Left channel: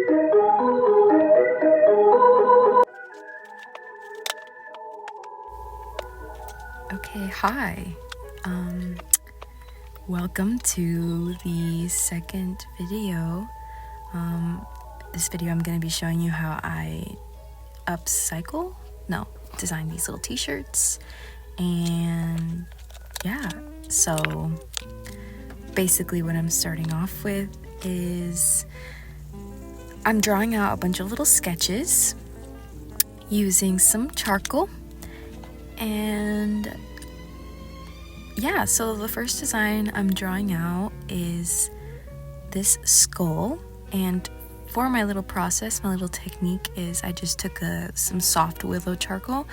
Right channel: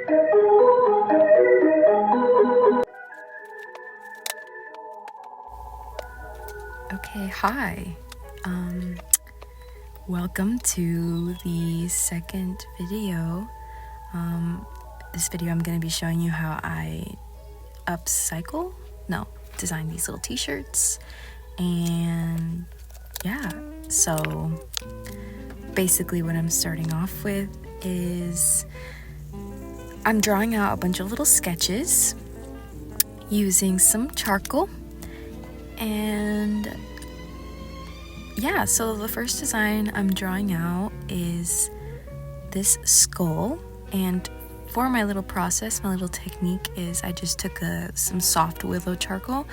Okay, hi. Welcome to the second video. This video I'm going to be showing you how I design these little t-shirts. And yeah, so basically what I'm starting off with is I'm drawing out a bunch of little sketches using some charcoal. And yeah, so the first design I'm drawing out is this skull, and for my little process, my little technique is I just took some soft willow charcoal,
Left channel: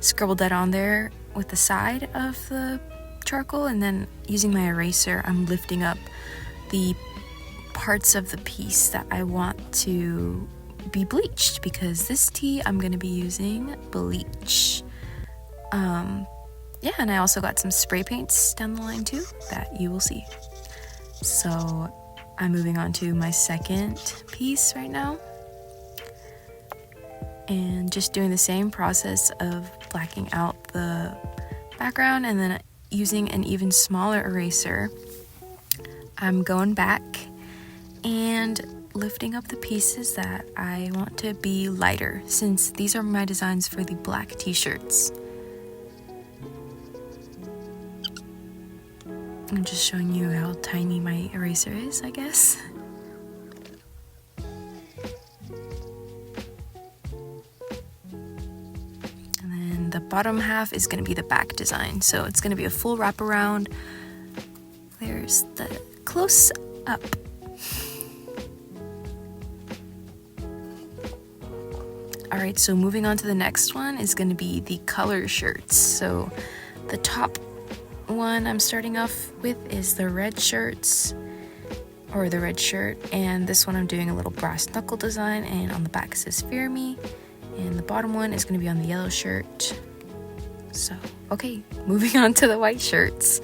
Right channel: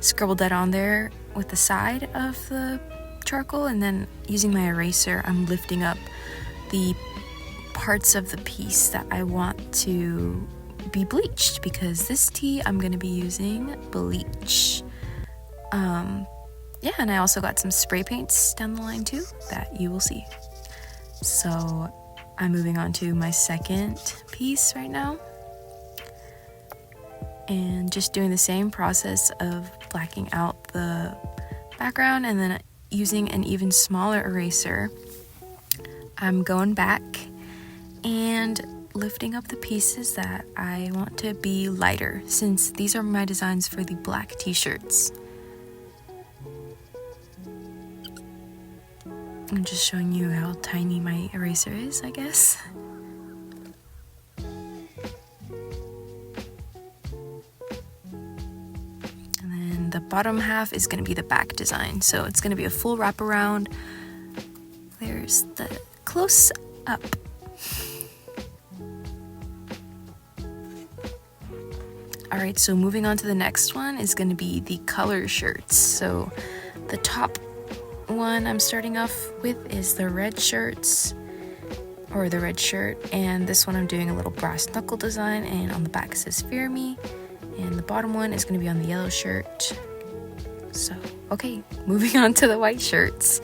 scribbled that on there with the side of the charcoal, and then using my eraser I'm lifting up the parts of the piece that I want to be bleached, because this tee I'm going to be using bleach. Yeah, and I also got some spray paints down the line too that you will see. So I'm moving on to my second piece right now, and just doing the same process of blacking out the background, and then using an even smaller eraser I'm going back and lifting up the pieces that I want to be lighter, since these are my designs for the black t-shirts. I'm just showing you how tiny my eraser is, I guess. And then the bottom half is going to be the back design. So it's going to be a full wraparound. There's the close up. Alright, so moving on to the next one is going to be the color shirts. So the top one I'm starting off with is the red shirts, or the red shirt, and this one I'm doing a little brass knuckle design, and on the back it says "Fear Me," and the bottom one is going to be on the yellow shirt. So okay, moving on to the white shirts.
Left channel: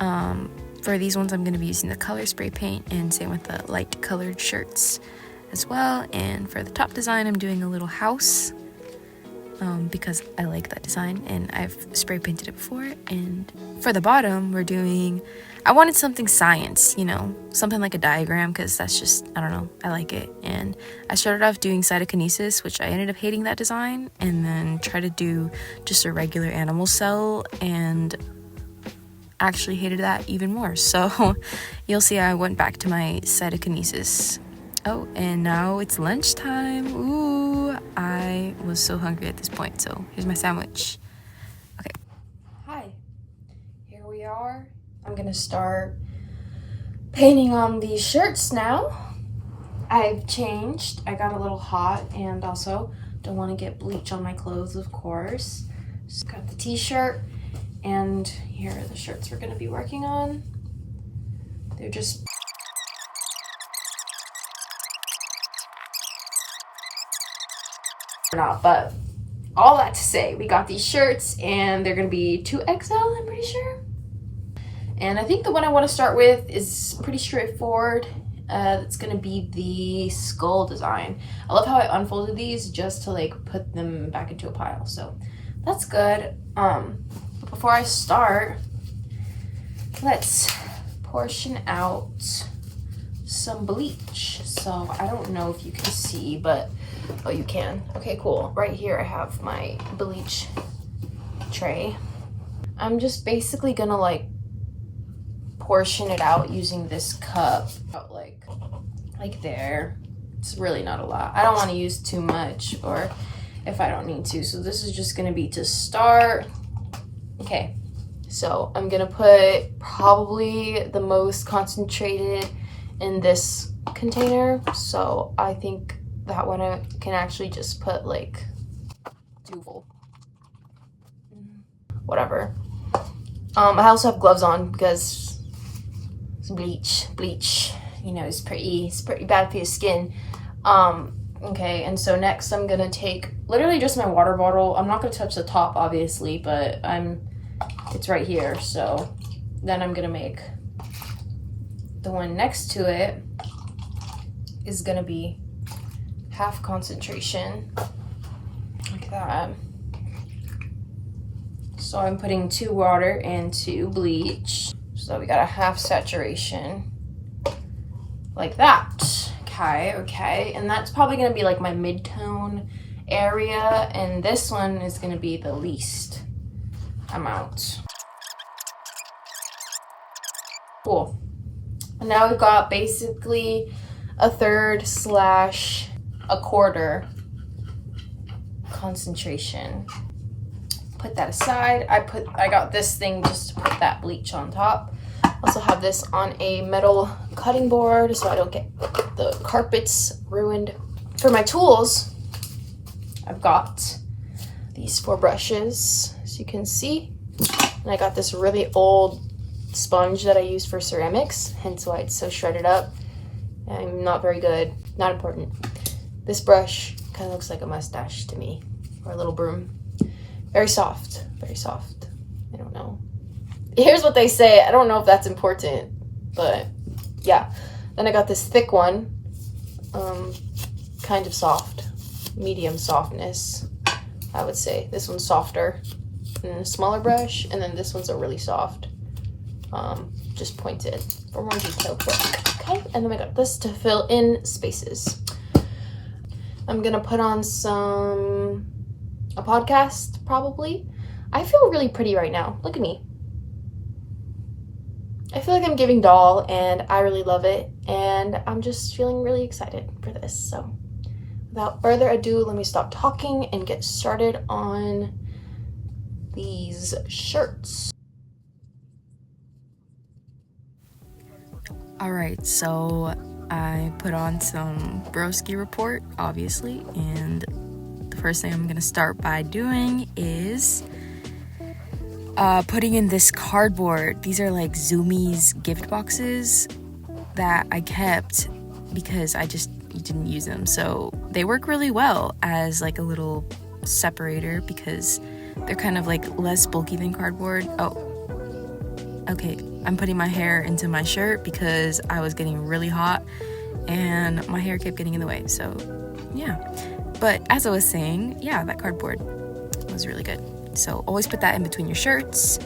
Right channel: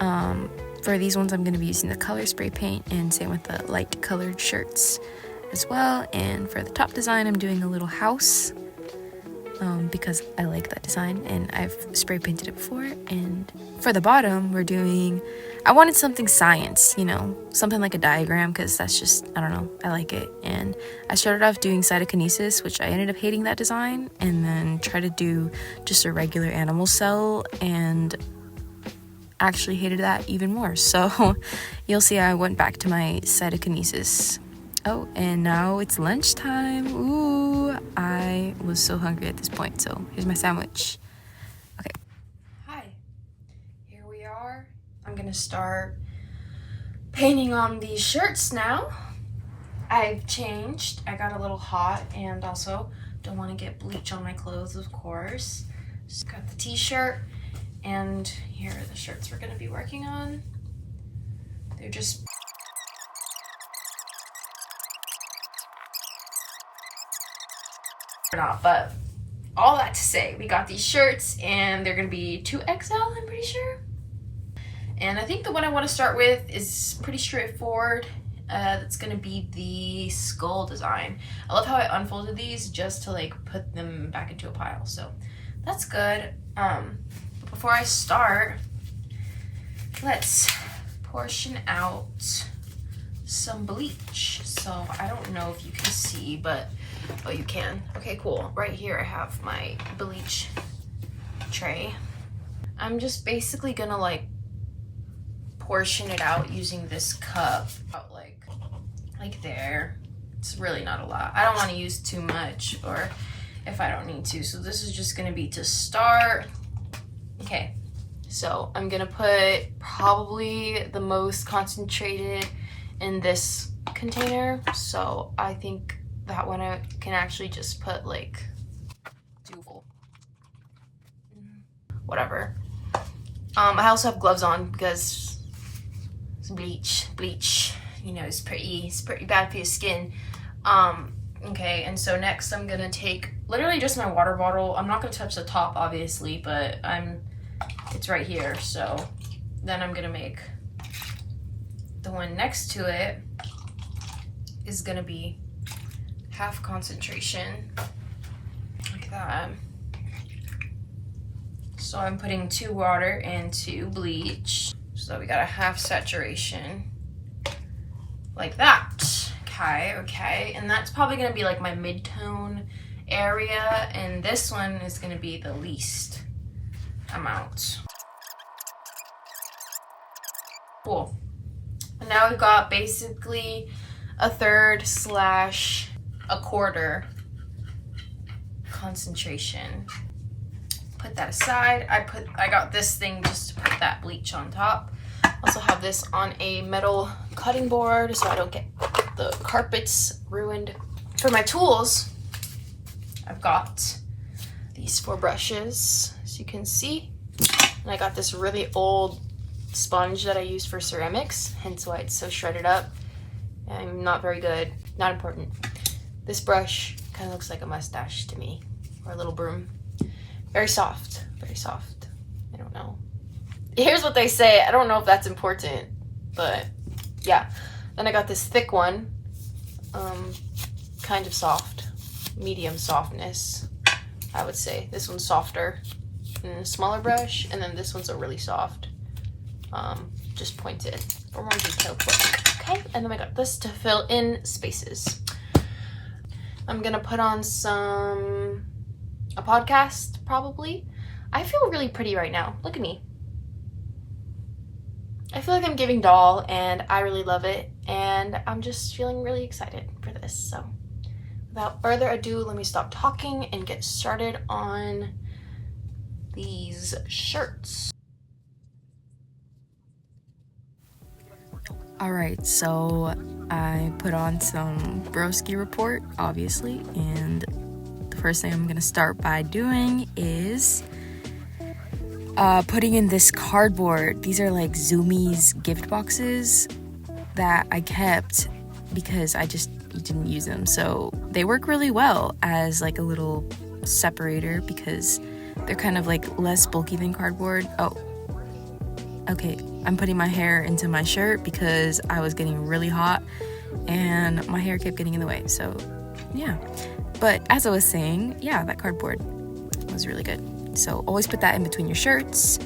For these ones I'm going to be using the color spray paint, and same with the light colored shirts as well. And for the top design I'm doing a little house, because I like that design and I've spray painted it before. And for the bottom I wanted something science, something like a diagram, because that's just, I don't know, I like it. And I started off doing cytokinesis, which I ended up hating that design, and then tried to do just a regular animal cell and actually hated that even more. So you'll see I went back to my cytokinesis. Oh, and now it's lunchtime. Ooh, I was so hungry at this point, so here's my sandwich. Okay. Hi, here we are. I'm gonna start painting on these shirts now. I've changed. I got a little hot, and also don't want to get bleach on my clothes, of course. Just got the t-shirt, and here are the shirts we're gonna be working on. They're just not, but all that to say, we got these shirts, and they're gonna be 2XL, I'm pretty sure. And I think the one I want to start with is pretty straightforward. It's gonna be the skull design. I love how I unfolded these just to put them back into a pile, so that's good. But before I start, let's portion out some bleach. So I don't know if you can see, but oh, you can. Okay, cool. Right here I have my bleach tray. I'm just basically gonna portion it out using this cup, like there. It's really not a lot. I don't want to use too much, or if I don't need to. So this is just gonna be to start. Okay, so I'm gonna put probably the most concentrated in this container. So I think that one I can actually just put 2 full. Whatever. I also have gloves on because it's bleach, it's pretty bad for your skin. Okay, and so next I'm gonna take literally just my water bottle. I'm not gonna touch the top, obviously, but it's right here. So then I'm gonna make the one next to it is gonna be half concentration, like that. So I'm putting 2 water and 2 bleach. So we got a half saturation, like that. Okay, and that's probably gonna be like my mid-tone area, and this one is gonna be the least amount. Cool. And now we've got basically a 1/3 / a 1/4 concentration. Put that aside. I got this thing just to put that bleach on top. Also have this on a metal cutting board so I don't get the carpets ruined. For my tools, I've got these 4 brushes, as you can see. And I got this really old sponge that I use for ceramics, hence why it's so shredded up. I'm not very good, not important. This brush kind of looks like a mustache to me, or a little broom. Very soft, very soft. I don't know. Here's what they say. I don't know if that's important, but yeah. Then I got this thick one, kind of soft, medium softness, I would say. This one's softer than a smaller brush, and then this one's a really soft, just pointed for more detailed work. Okay, and then I got this to fill in spaces. I'm gonna put on a podcast, probably. I feel really pretty right now. Look at me. I feel like I'm giving doll, and I really love it, and I'm just feeling really excited for this. So without further ado, let me stop talking and get started on these shirts. Alright, so I put on some broski report, obviously, and the first thing I'm gonna start by doing is putting in this cardboard. These are like Zoomies gift boxes that I kept because I just didn't use them. So they work really well as like a little separator because they're kind of like less bulky than cardboard. Oh, okay. I'm putting my hair into my shirt because I was getting really hot and my hair kept getting in the way. So yeah. But as I was saying, yeah, that cardboard was really good. So always put that in between your shirts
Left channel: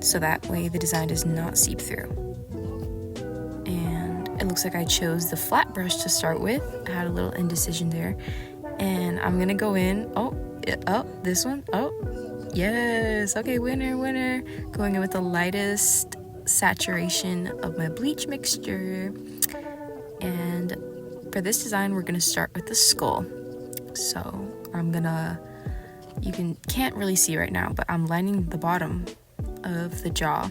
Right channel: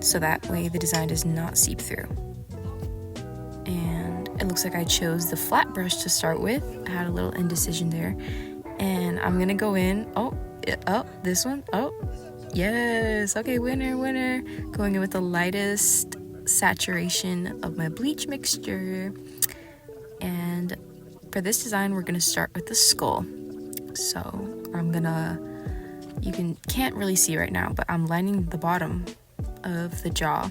so that way the design does not seep through. And it looks like I chose the flat brush to start with. I had a little indecision there. And I'm gonna go in, this one, yes, okay, winner. Going in with the lightest saturation of my bleach mixture. And for this design, we're gonna start with the skull. So I'm gonna, can't really see right now, but I'm lining the bottom of the jaw.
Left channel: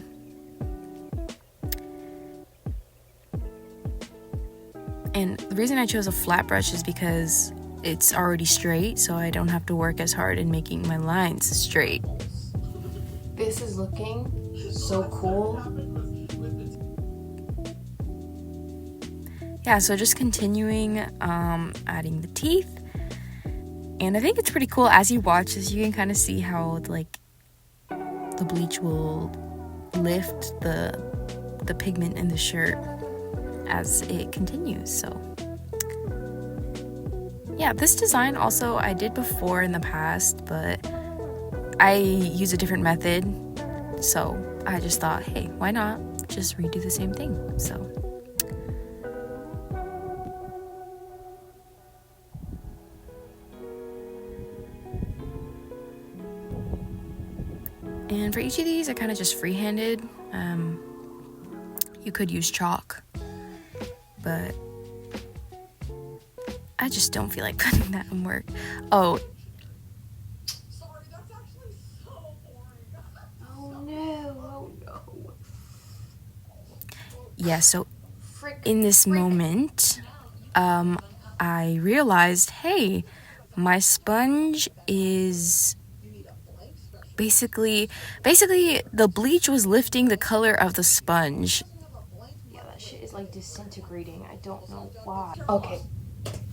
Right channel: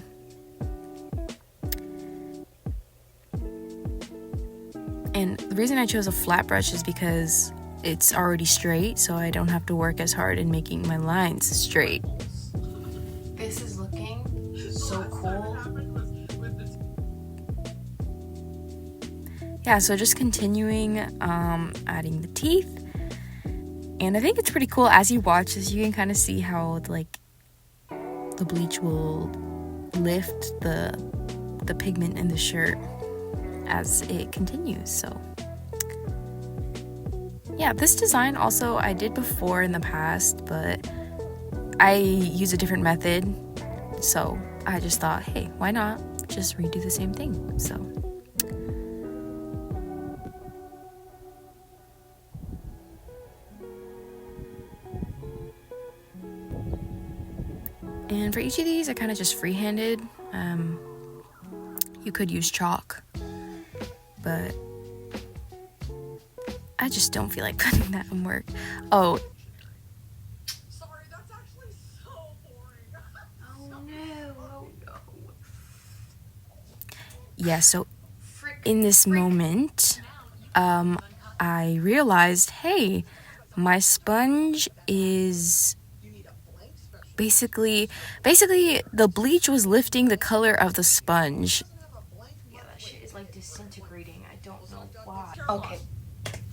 And the reason I chose a flat brush is because it's already straight, so I don't have to work as hard in making my lines straight. This is looking so cool. Yeah, so just continuing adding the teeth. And I think it's pretty cool as you watch this, you can kind of see how like the bleach will lift the pigment in the shirt as it continues. So yeah, this design also I did before in the past, but I use a different method. So I just thought, hey, why not just redo the same thing? So and for each of these, I kind of just freehanded. You could use chalk, but I just don't feel like putting that in work. Oh. Sorry, that's actually so boring. Oh no. Yeah, so in this moment, I realized, hey, my sponge is basically the bleach was lifting the color of the sponge. Yeah, that shit is like disintegrating. I don't know why. Okay,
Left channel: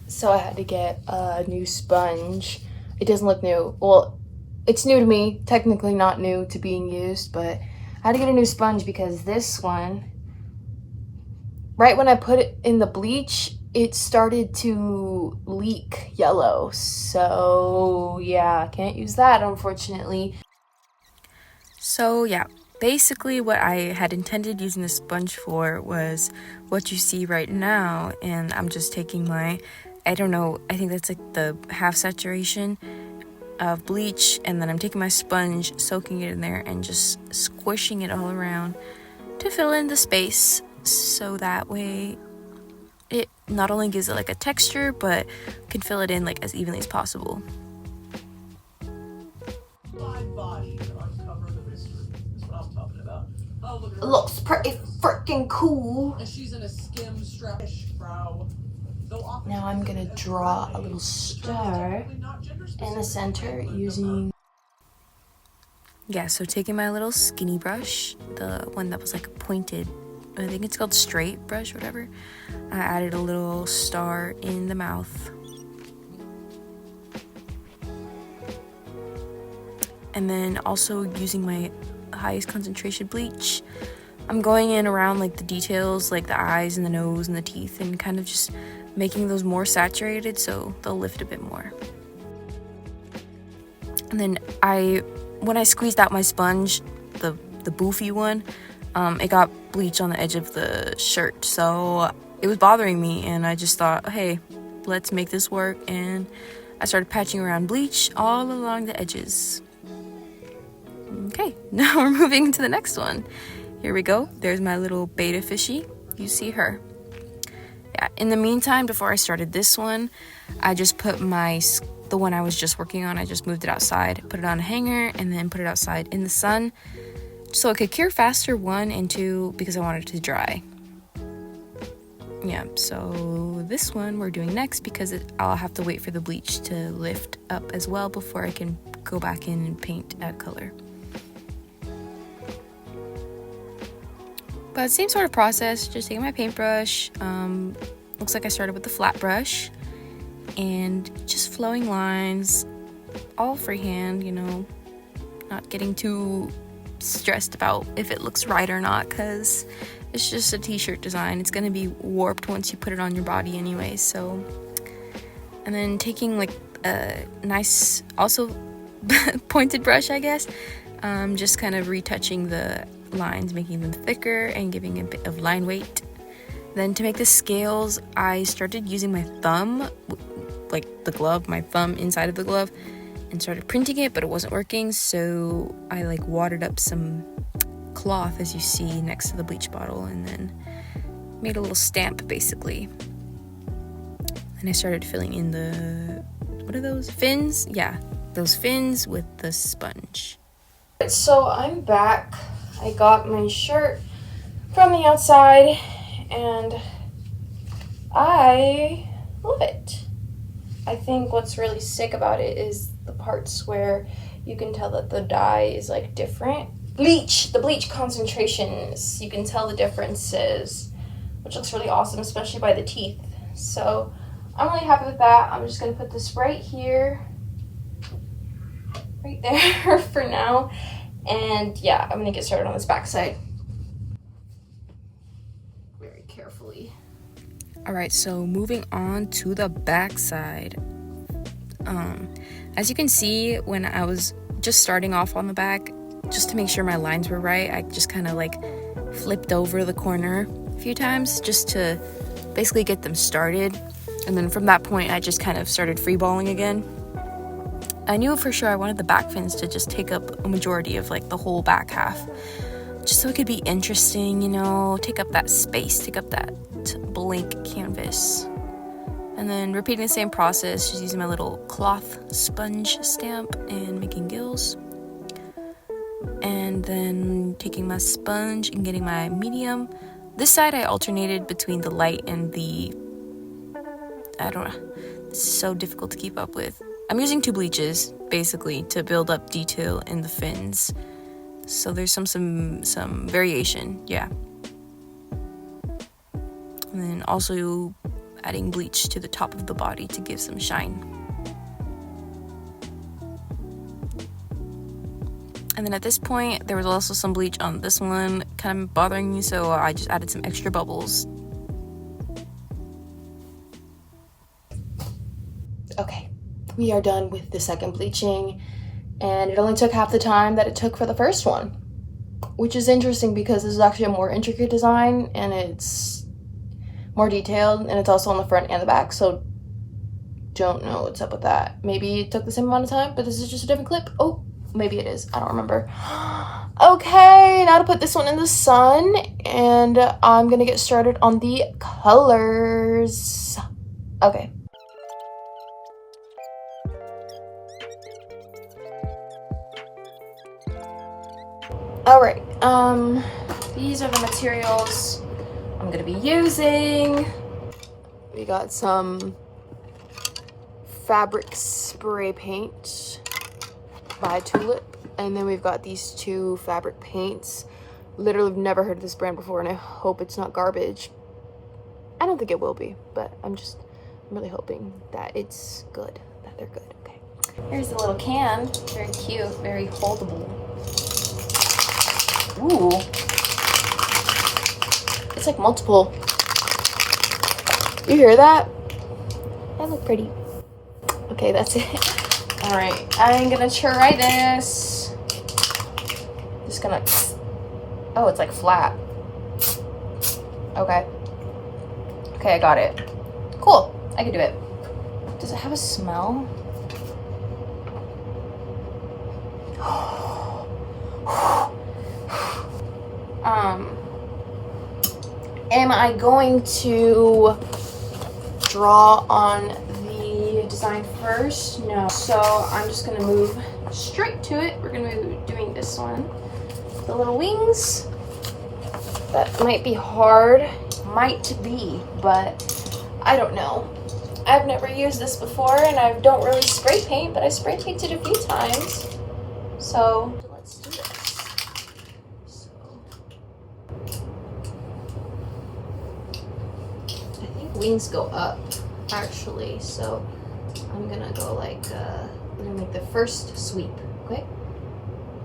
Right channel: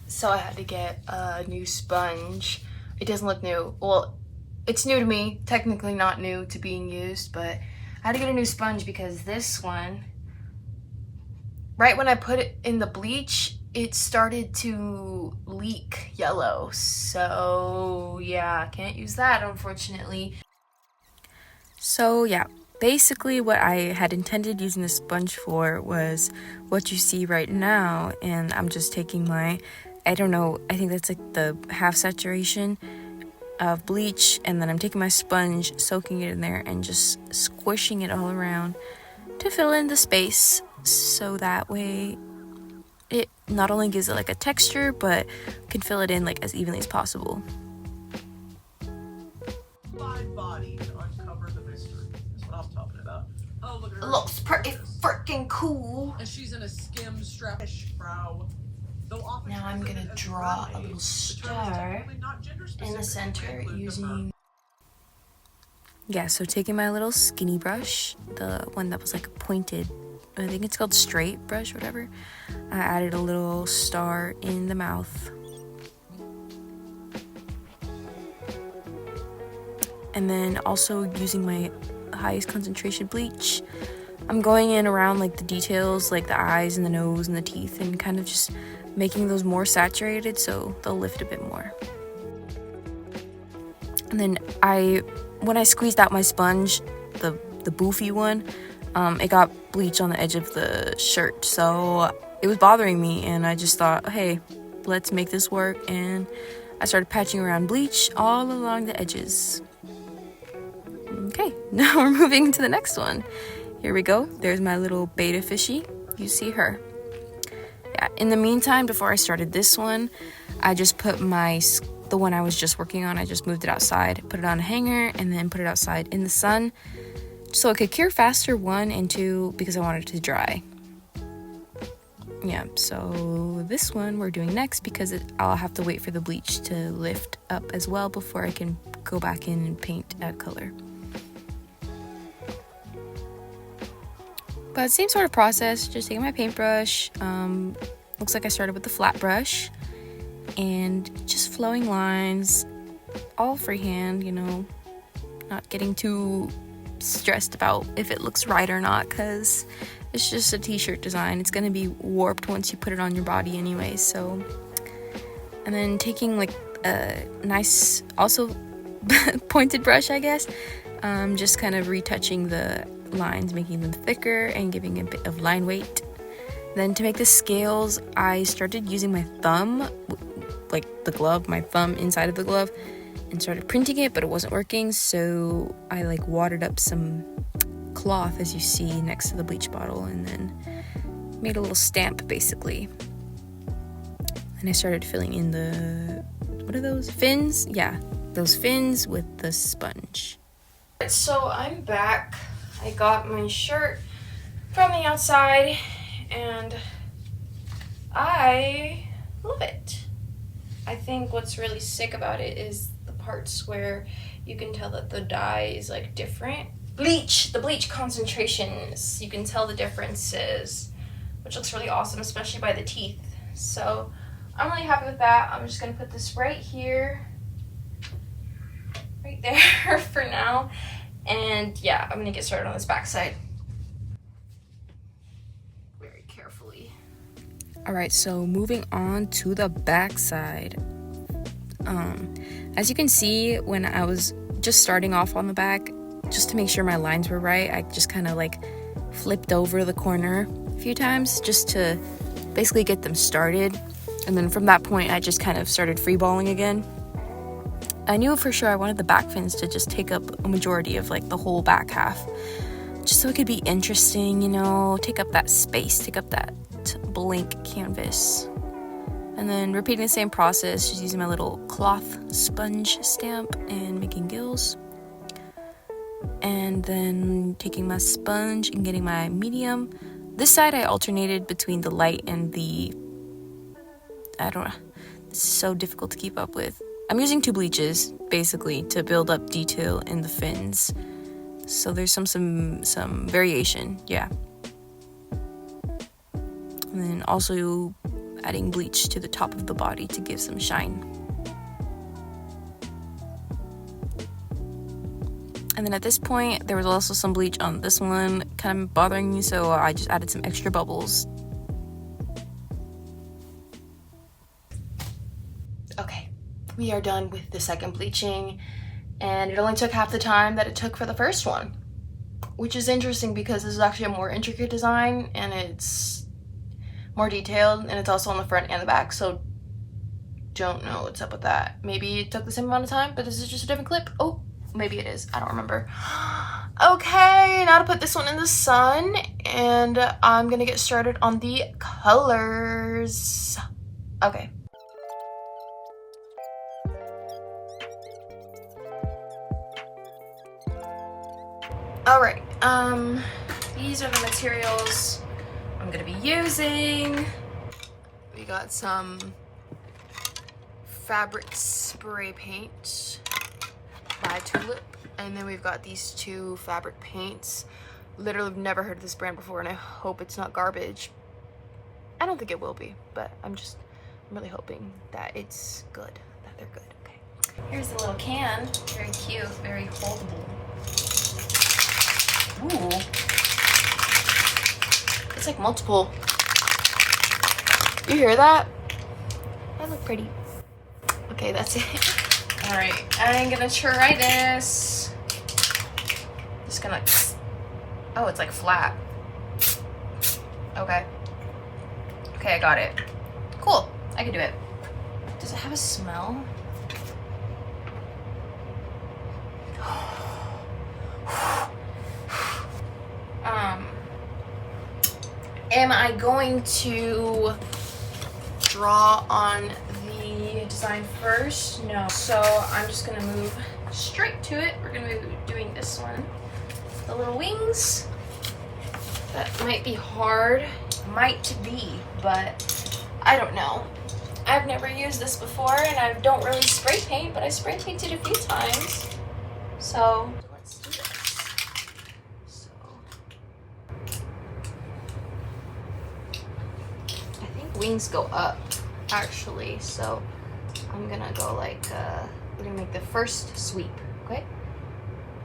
so I had to get a new sponge. It doesn't look new. Well, it's new to me, technically not new to being used, but I had to get a new sponge because this one, right when I put it in the bleach, it started to leak yellow. So yeah, can't use that unfortunately. So yeah, basically what I had intended using the sponge for was what you see right now, and I'm just taking my, I don't know, I think that's like the half saturation of bleach, and then I'm taking my sponge, soaking it in there, and just squishing it all around to fill in the space, so that way it not only gives it like a texture, but can fill it in like as evenly as possible. Body to uncover the mystery. That's what I'm talking about. Oh, look at her. It looks pretty freaking cool. And she's in a skim strapish brow. Now I'm gonna draw a little star in the center using... Yeah, so taking my little skinny brush, the one that was like pointed, I think it's called straight brush or whatever, I added a little star in the mouth. And then also using my highest concentration bleach, I'm going in around like the details, like the eyes and the nose and the teeth, and kind of just making those more saturated so they'll lift a bit more. And then when I squeezed out my sponge, the boofy one, it got bleach on the edge of the shirt, so it was bothering me, and I just thought, hey, let's make this work, and I started patching around bleach all along the edges. Okay, now we're moving to the next one. Here we go. There's my little beta fishy. You see her. Yeah, in the meantime, before I started this one, I just put the one I was just working on, I just moved it outside, put it on a hanger, and then put it outside in the sun so it could cure faster, 1, and 2, because I wanted it to dry. Yeah, so this one we're doing next because I'll have to wait for the bleach to lift up as well before I can go back in and paint, add color. But same sort of process, just taking my paintbrush, looks like I started with the flat brush, and just flowing lines, all freehand, you know, not getting too stressed about if it looks right or not, because it's just a t-shirt design. It's going to be warped once you put it on your body anyway, so. And then taking like a nice, also pointed brush, I guess, just kind of retouching the lines, making them thicker and giving a bit of line weight. Then to make the scales, I started using my thumb, like the glove, my thumb inside of the glove, and started printing it, but it wasn't working, so I like watered up some cloth, as you see next to the bleach bottle, and then made a little stamp basically. And I started filling in the, what are those, fins? Yeah, those fins with the sponge. So I'm back. I got my shirt from the outside, and I love it. I think what's really sick about it is the parts where you can tell that the dye is like different. The bleach concentrations, you can tell the differences, which looks really awesome, especially by the teeth. So I'm really happy with that. I'm just gonna put this right here, right there for now. And yeah, I'm gonna get started on this back side very carefully. All right, so moving on to the back side. As you can see, when I was just starting off on the back, just to make sure my lines were right, I just kind of like flipped over the corner a few times just to basically get them started. And then from that point, I just kind of started freeballing again. I knew for sure I wanted the back fins to just take up a majority of like the whole back half, just so it could be interesting, you know, take up that space, take up that blank canvas. And then repeating the same process, just using my little cloth sponge stamp and making gills. And then taking my sponge and getting my medium. This side I alternated between the light and the, I don't know, it's so difficult to keep up with. I'm using 2 bleaches, basically, to build up detail in the fins. So there's some variation, yeah. And then also adding bleach to the top of the body to give some shine. And then at this point, there was also some bleach on this one, kind of bothering me, so I just added some extra bubbles. Okay, we are done with the second bleaching, and it only took half the time that it took for the first one, which is interesting because this is actually a more intricate design and it's more detailed, and it's also on the front and the back, so don't know what's up with that. Maybe it took the same amount of time, but this is just a different clip. Oh, maybe it is. I don't remember. Okay, now to put this one in the sun, and I'm gonna get started on the colors. Okay. All right, these are the materials I'm gonna be using. We got some fabric spray paint by Tulip, and then we've got these two fabric paints. Literally never heard of this brand before, and I hope it's not garbage. I don't think it will be, but I'm really hoping that it's good, that they're good. Okay, here's the little can. Very cute, very holdable. Ooh, it's like multiple. You hear that? That look pretty. Okay, that's it. All right, I'm gonna try this. Just gonna, oh, it's like flat. Okay. Okay, I got it. Cool, I can do it. Does it have a smell? Am I going to draw on the design first? No. So I'm just gonna move straight to it. We're gonna be doing this one. The little wings. That might be hard. Might be, but I don't know. I've never used this before, and I don't really spray paint, but I spray painted a few times. So let's do this. Wings go up actually, so I'm gonna go like we're gonna make the first sweep. Okay,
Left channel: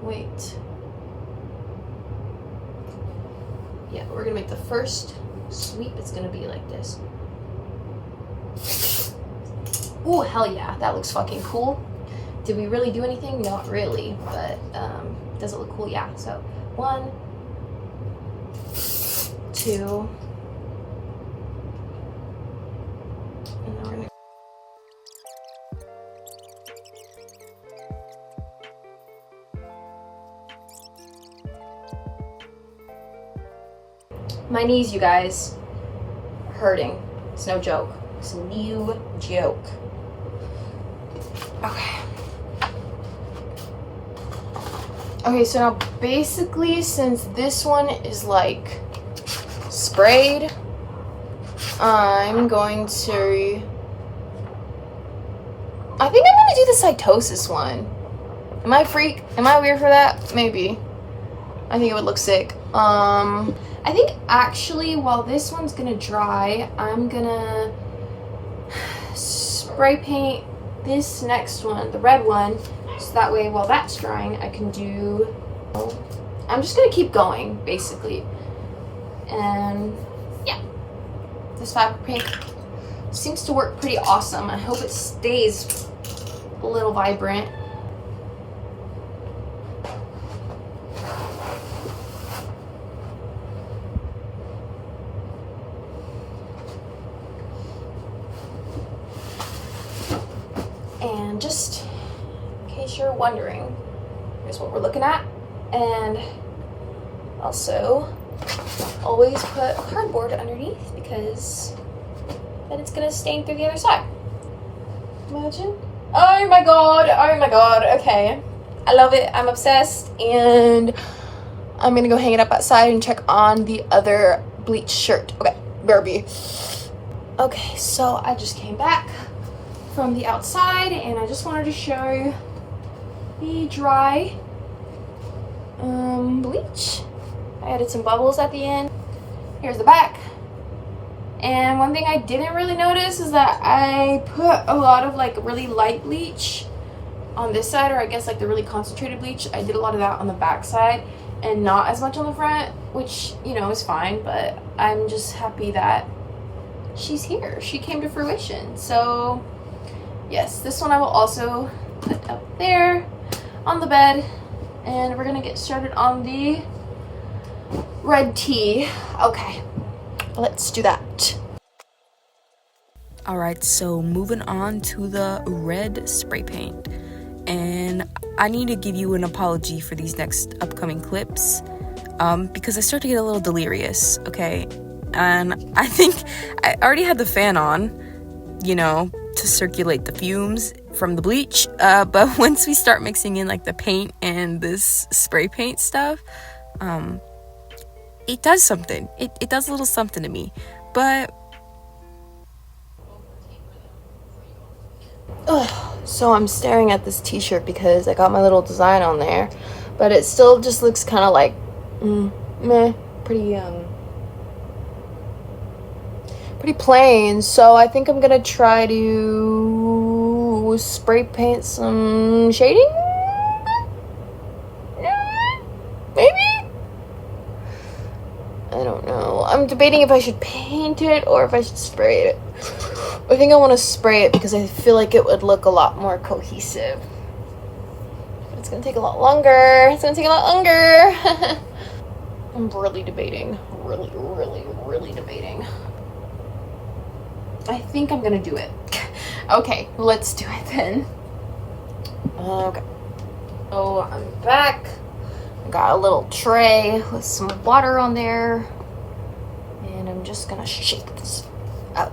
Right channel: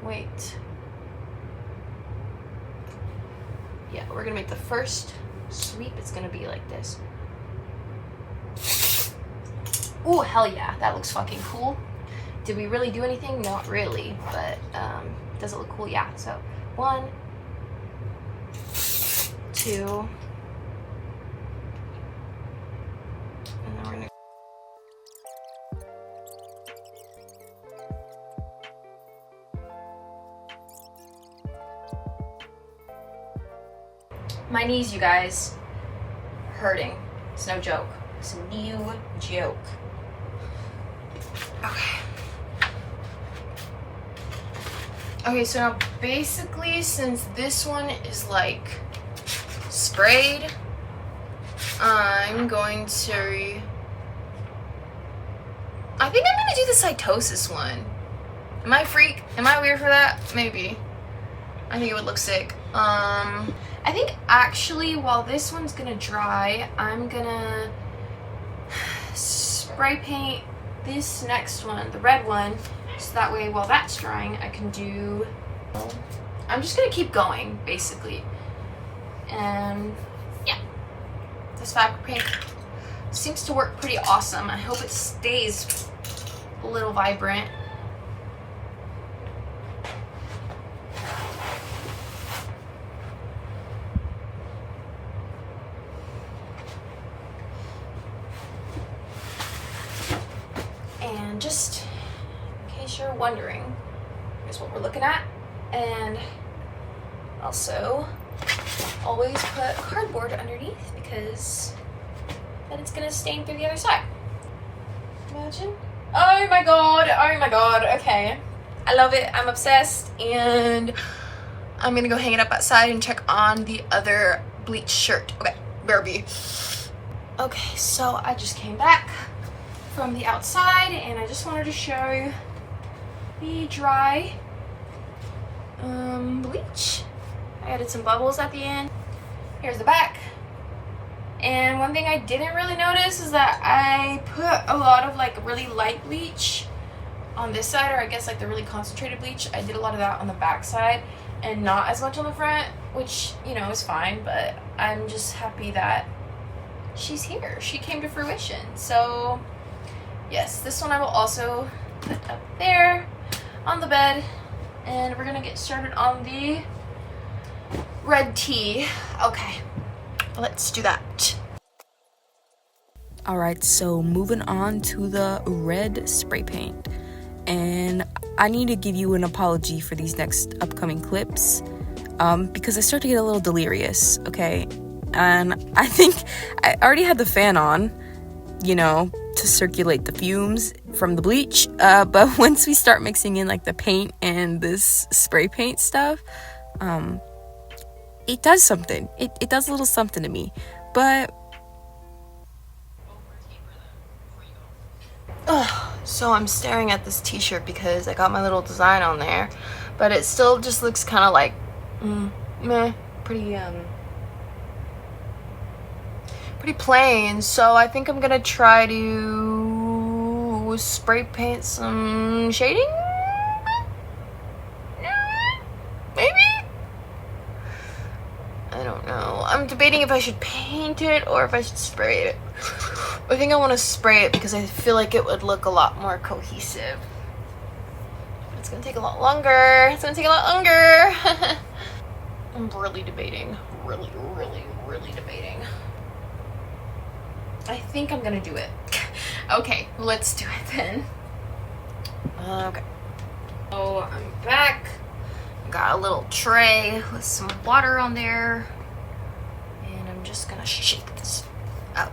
wait, yeah, we're gonna make the first sweep. It's gonna be like this. Oh, hell yeah, that looks fucking cool. Did we really do anything? Not really, but does it look cool? Yeah. So 1, 2, and then we're gonna my knees, you guys, hurting. It's no joke. It's a new joke. Okay. Okay, so now basically, since this one is like sprayed, I'm going to, I think I'm gonna do the cytosis one. Am I a freak? Am I weird for that? Maybe. I think it would look sick. I think actually while this one's gonna dry, I'm gonna spray paint this next one, the red one, so that way while that's drying I can do, I'm just gonna keep going basically. And yeah, this fabric paint seems to work pretty awesome. I hope it stays a little vibrant. And just in case you're wondering, here's what we're looking at. And also always put cardboard underneath because then it's gonna stain through the other side. Imagine. Oh my god, oh my god. Okay, I love it, I'm obsessed, and I'm gonna go hang it up outside and check on the other bleach shirt. Okay, Barbie. Okay, so I just came back from the outside and I just wanted to show the dry bleach. I added some bubbles at the end. Here's the back. And one thing I didn't really notice is that I put a lot of like really light bleach on this side, or I guess like the really concentrated bleach. I did a lot of that on the back side and not as much on the front, which, you know, is fine, but I'm just happy that she's here. She came to fruition. So yes, this one I will also put up there on the bed. And we're gonna get started on the red tea. Okay, let's do that. All right, so moving on to the red spray paint. And I need to give you an apology for these next upcoming clips because I start to get a little delirious, okay? And I think I already had the fan on, you know, to circulate the fumes from the bleach. But once we start mixing in like the paint and this spray paint stuff, it does something. It does a little something to me. But so I'm staring at this t-shirt because I got my little design on there, but it still just looks kind of like meh, pretty plain. So I think I'm gonna try to spray paint some shading, maybe. I don't know. I'm debating if I should paint it or if I should spray it. I think I want to spray it because I feel like it would look a lot more cohesive. But it's gonna take a lot longer. It's gonna take a lot longer. I'm really debating. Really debating. I think I'm gonna do it. Okay, let's do it then. Okay. So I'm back. I got a little tray with some water on there. And I'm just gonna shake this up.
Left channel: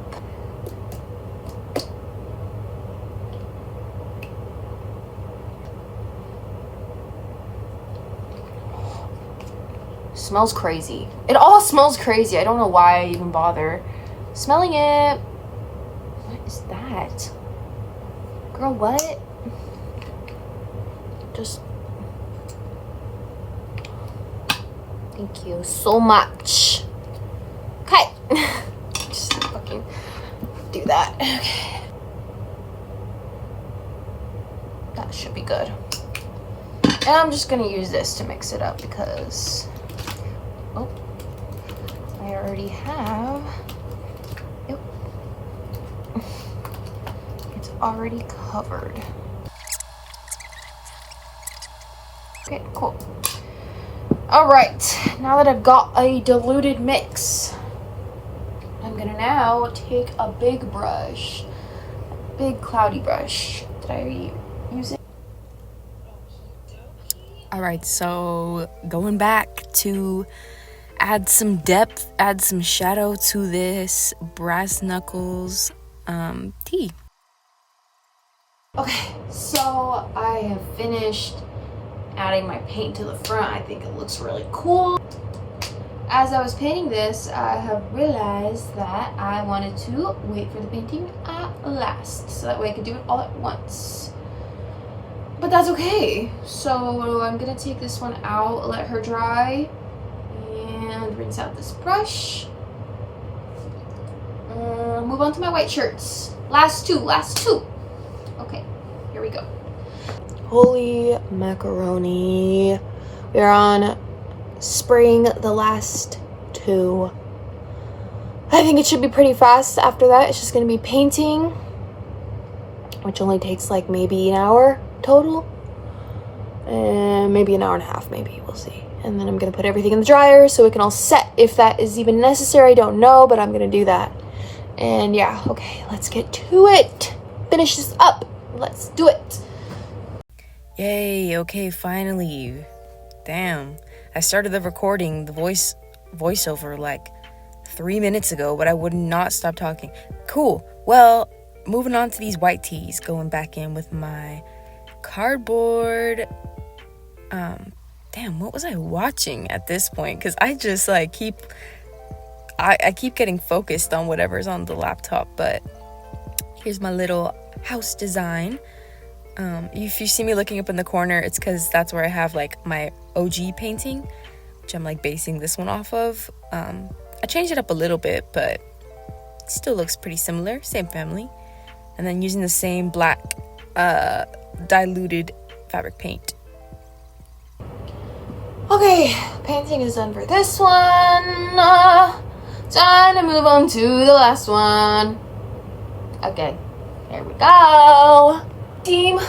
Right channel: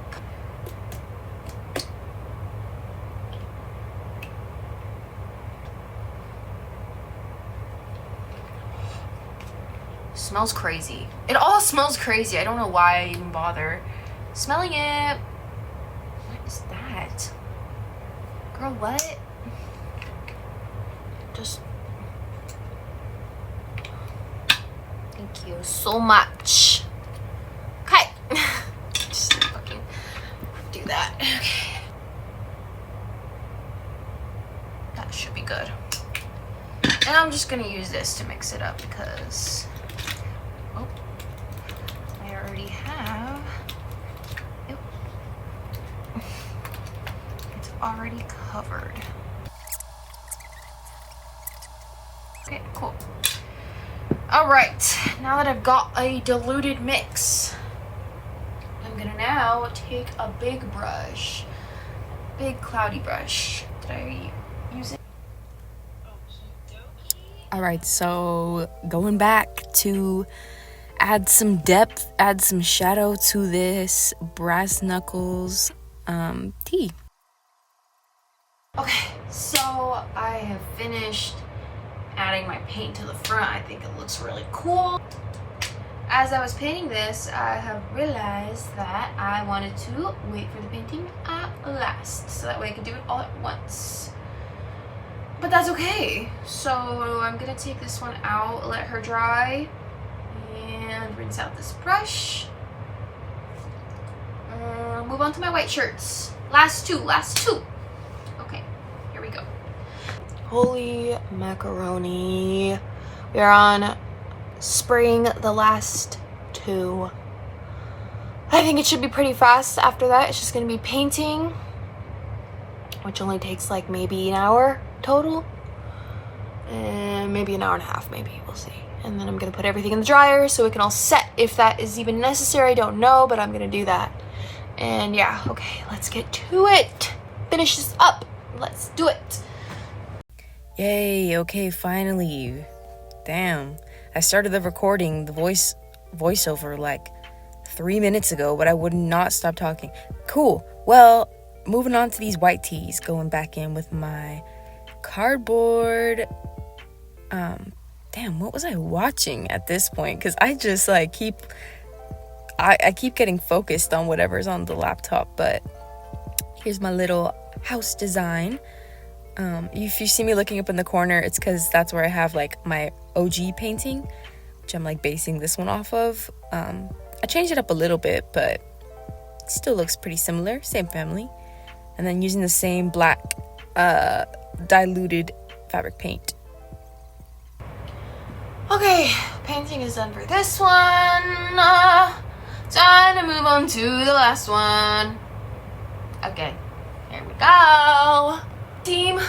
Smells crazy. It all smells crazy. I don't know why I even bother smelling it. What is that? Girl, what? Just... Thank you so much. Okay. Just fucking do that. Okay. That should be good. And I'm just gonna use this to mix it up because... Oh, I already have. Yep. It's already covered. Okay, cool. All right, now that I've got a diluted mix, I'm gonna now take a big brush, a big cloudy brush. Did I use it? All right, so going back to add some depth, add some shadow to this brass knuckles tea. Okay, so I have finished adding my paint to the front. I think it looks really cool. As I was painting this, I have realized that I wanted to wait for the painting at last, so that way I could do it all at once. But that's okay. So I'm gonna take this one out, let her dry, and rinse out this brush. Move on to my white shirts. Last two. Okay, here we go. Holy macaroni. We're on spraying the last two. I think it should be pretty fast. After that, it's just gonna be painting, which only takes like maybe an hour total. And maybe an hour and a half, maybe, we'll see. And then I'm gonna put everything in the dryer so it can all set. If that is even necessary, I don't know, but I'm gonna do that. And yeah, okay, let's get to it. Finish this up, let's do it. Yay, okay, finally. Damn, I started the recording, the voiceover like 3 minutes ago, but I would not stop talking. Cool, well, moving on to these white teas, going back in with my cardboard. Damn, what was I watching at this point? Because I just like I keep getting focused on whatever's on the laptop. But here's my little house design. If you see me looking up in the corner, it's because that's where I have like my OG painting, which I'm like basing this one off of. I changed it up a little bit, but it still looks pretty similar, same family. And then using the same black diluted fabric paint. Okay, painting is done for this one. Time to move on to the last one. Okay. There we go. Team,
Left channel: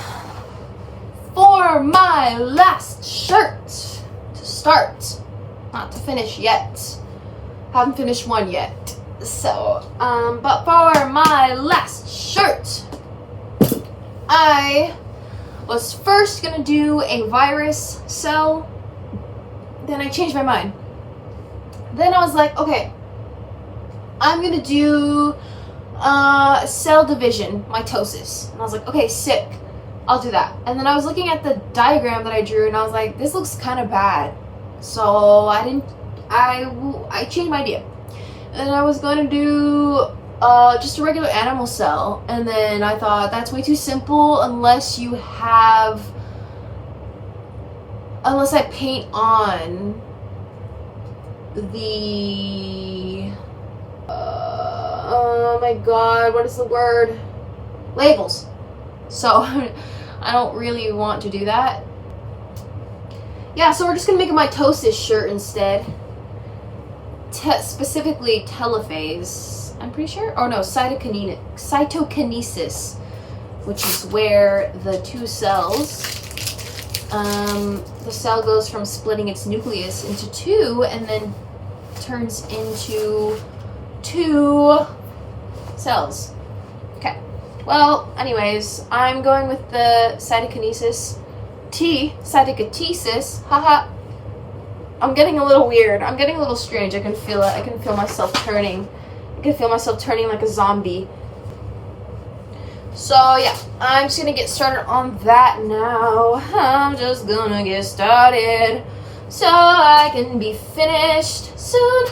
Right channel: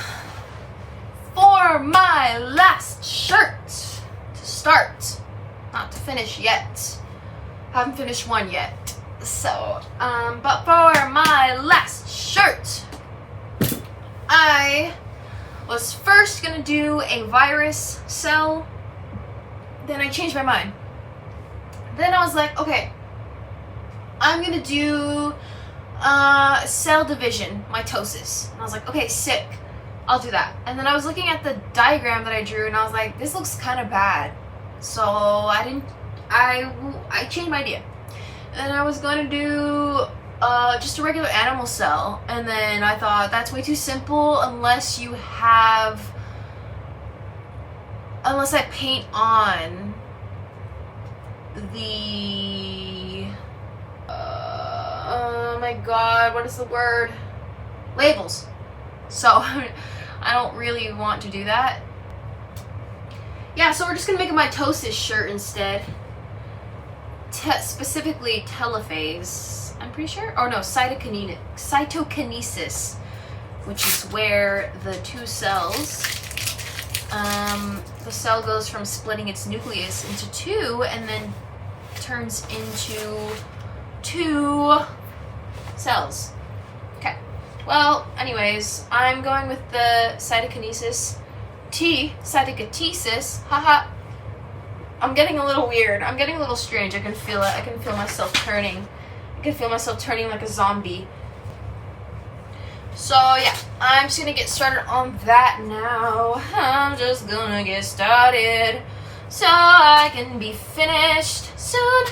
for my last shirt to start, not to finish yet. Haven't finished one yet. So, but for my last shirt, I was first gonna do a virus cell. Then I changed my mind. Then I was like, okay, I'm gonna do cell division, mitosis. And I was like, okay, sick, I'll do that. And then I was looking at the diagram that I drew and I was like, this looks kind of bad. So I changed my idea. And I was going to do just a regular animal cell. And then I thought that's way too simple unless I paint on the oh my god, what is the word? Labels. So I don't really want to do that. Yeah, so we're just gonna make a mitosis shirt instead. Specifically telophase, I'm pretty sure. Oh no, cytokinesis, which is where the two cells, the cell goes from splitting its nucleus into two and then turns into two cells. Okay, well, anyways, I'm going with the cytokinesis. Cytokinesis, haha. I'm getting a little weird. I'm getting a little strange. I can feel it. I can feel myself turning. I can feel myself turning like a zombie. So yeah, I'm just gonna get started on that now. I'm just gonna get started so I can be finished soon.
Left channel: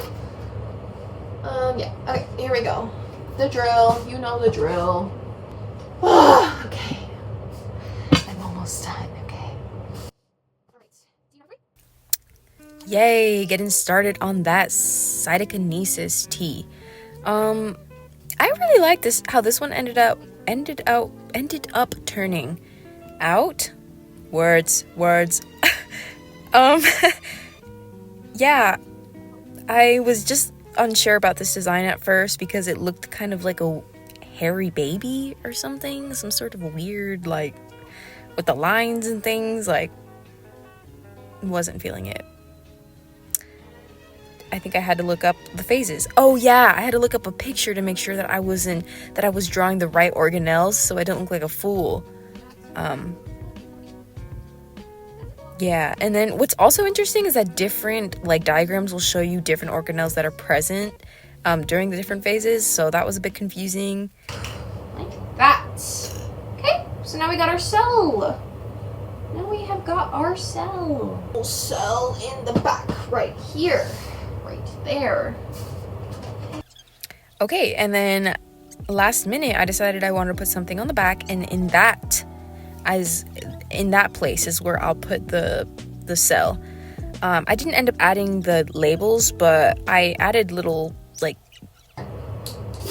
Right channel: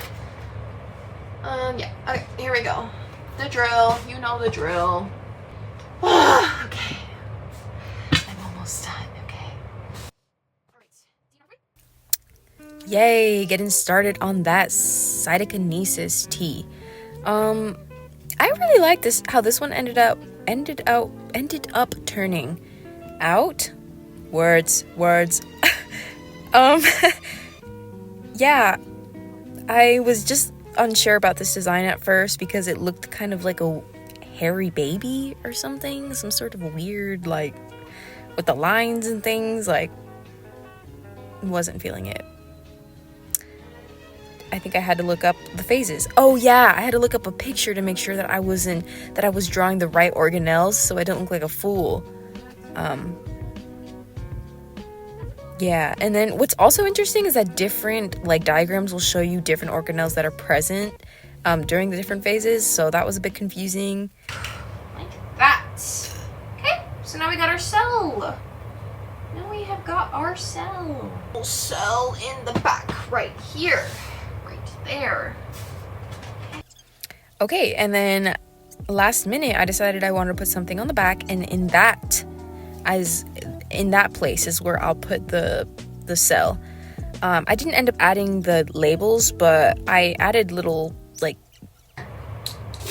Yeah, okay, here we go. The drill, you know the drill. Okay, I'm almost done, okay. Yay, getting started on that cytokinesis tea. I really like this, how this one ended up turning out. Words. Yeah, I was just unsure about this design at first because it looked kind of like a hairy baby or something, some sort of weird, like, with the lines and things, like, wasn't feeling it. I think I had to look up the phases. Oh yeah, I had to look up a picture to make sure that I was drawing the right organelles so I don't look like a fool. Yeah, and then what's also interesting is that different diagrams will show you different organelles that are present during the different phases, so that was a bit confusing. Like that. Okay, so now we got our cell. Now we have got our cell. Cell in the back, right here. Right there. Okay, and then last minute I decided I wanted to put something on the back, and in that place is where I'll put the cell. I didn't end up adding the labels, but I added little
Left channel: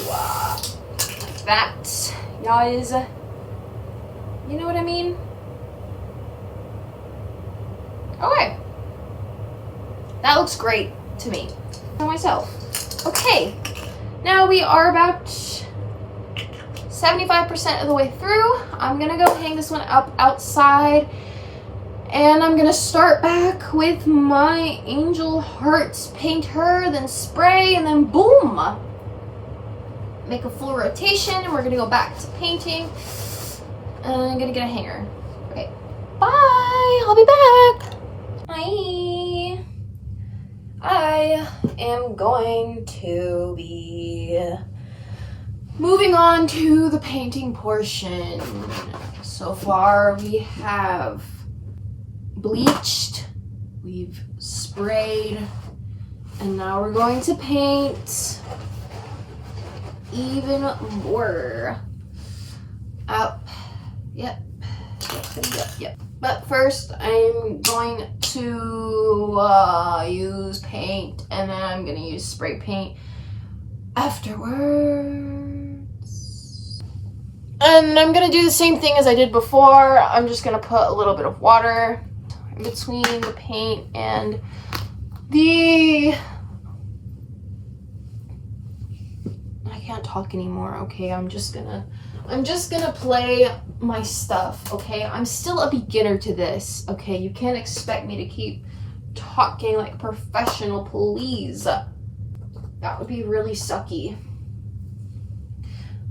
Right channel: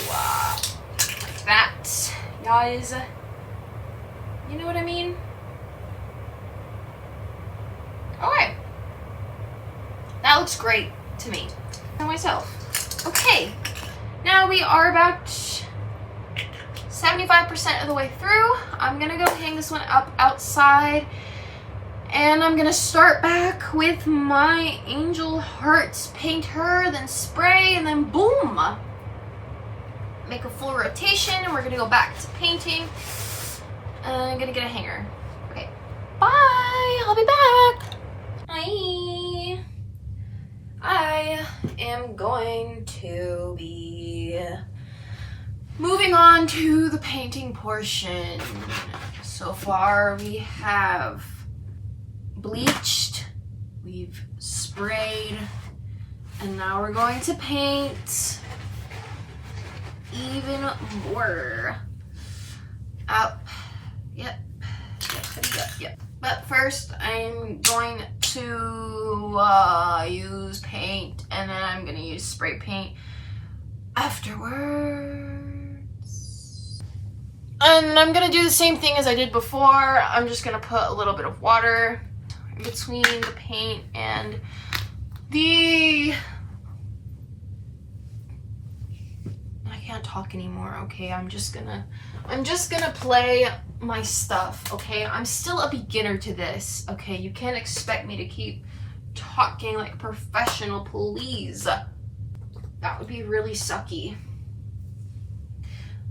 wow. That, guys. You know what I mean? Okay. That looks great to me. For myself. Okay. Now we are about 75% of the way through. I'm gonna go hang this one up outside. And I'm gonna start back with my angel hearts. Paint her, then spray, and then boom! Make a full rotation, and we're gonna go back to painting. And I'm gonna get a hanger. Okay. Bye! I'll be back! Bye! I am going to be moving on to the painting portion. So far we have bleached, we've sprayed, and now we're going to paint even more. Up. Yep. But first I'm going to use paint, and then I'm gonna use spray paint afterwards. And I'm gonna do the same thing as I did before. I'm just gonna put a little bit of water in between the paint and the, I can't talk anymore, okay? I'm just gonna play my stuff, okay? I'm still a beginner to this, okay? You can't expect me to keep talking like a professional, please. That would be really sucky.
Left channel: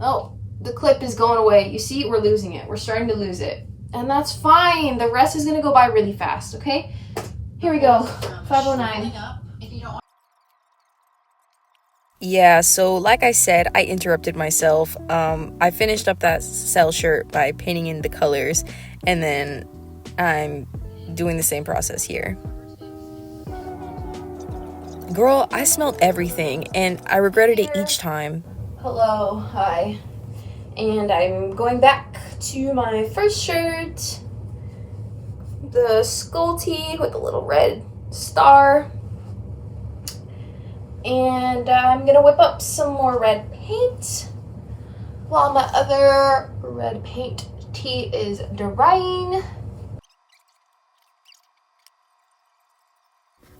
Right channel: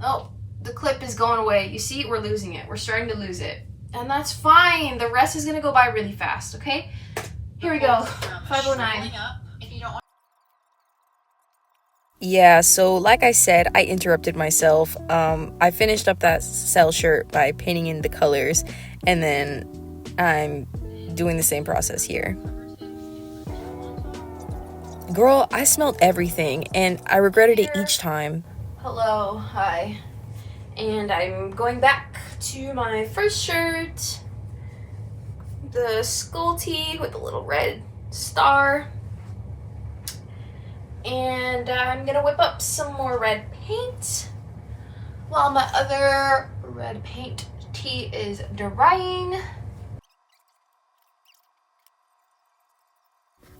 Oh, the clip is going away. You see, we're losing it. We're starting to lose it. And that's fine. The rest is gonna go by really fast, okay? Here we go. 509. Yeah, so like I said, I interrupted myself. I finished up that cell shirt by painting in the colors, and then I'm doing the same process here. Girl, I smelled everything, and I regretted it each time. Hello, hi. And I'm going back to my first shirt. The skull tee with a little red star. And I'm gonna whip up some more red paint while my other red paint tee is drying.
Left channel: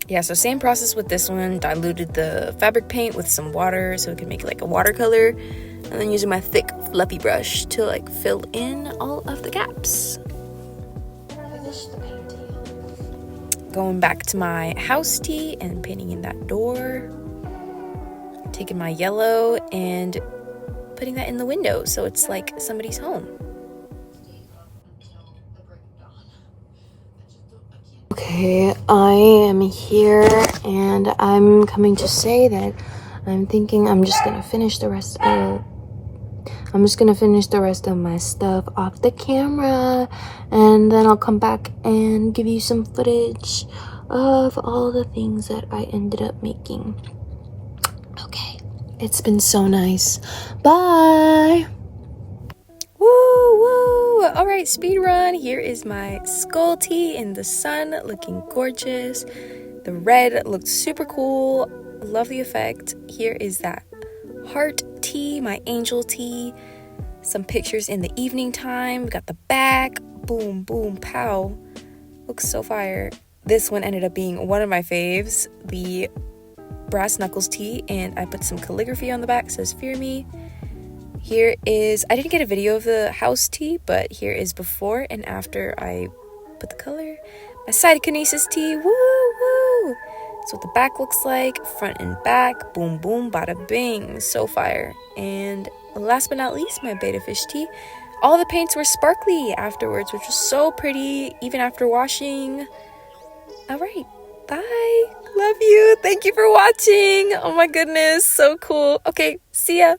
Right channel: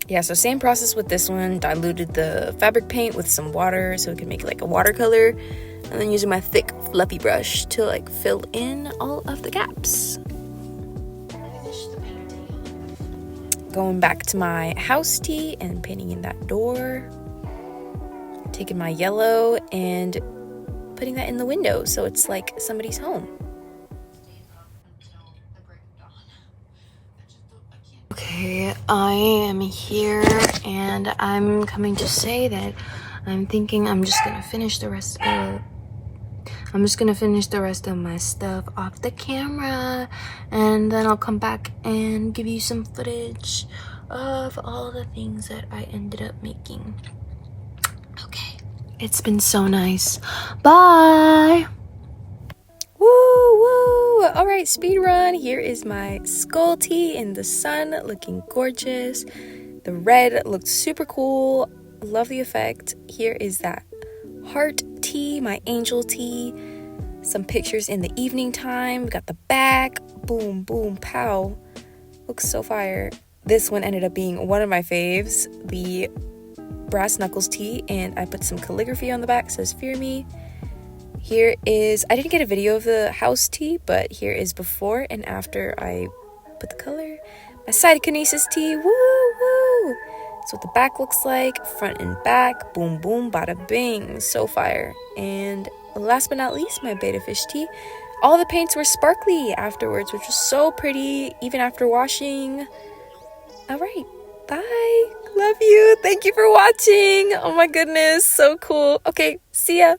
Yeah, so same process with this one. Diluted the fabric paint with some water so it could make it like a watercolor. And then using my thick fluffy brush to like fill in all of the gaps. Going back to my house tee and painting in that door. Taking my yellow and putting that in the window so it's like somebody's home. Okay, I am here and I'm coming to say that I'm thinking I'm just gonna finish the rest of my stuff off the camera, and then I'll come back and give you some footage of all the things that I ended up making. Okay, it's been so nice. Bye. Woo woo! Alright, speed run. Here is my skull tee in the sun, looking gorgeous. The red looked super cool. Love the effect. Here is that heart tee, my angel tee. Some pictures in the evening time. We got the back. Boom, boom, pow. Looks so fire. This one ended up being one of my faves, the brass knuckles tee, and I put some calligraphy on the back. It says "Fear Me." Here is, I didn't get a video of the house tee, but here is before and after I put the color. My cytokinesis tee, woo woo. That's what the back looks like, front and back, boom boom, bada bing, so fire. And last but not least, my beta fish tee. All the paints were sparkly afterwards, which was so pretty, even after washing. All right, bye. Love you. Thank you for watching. Oh my goodness, so cool. Okay, see ya.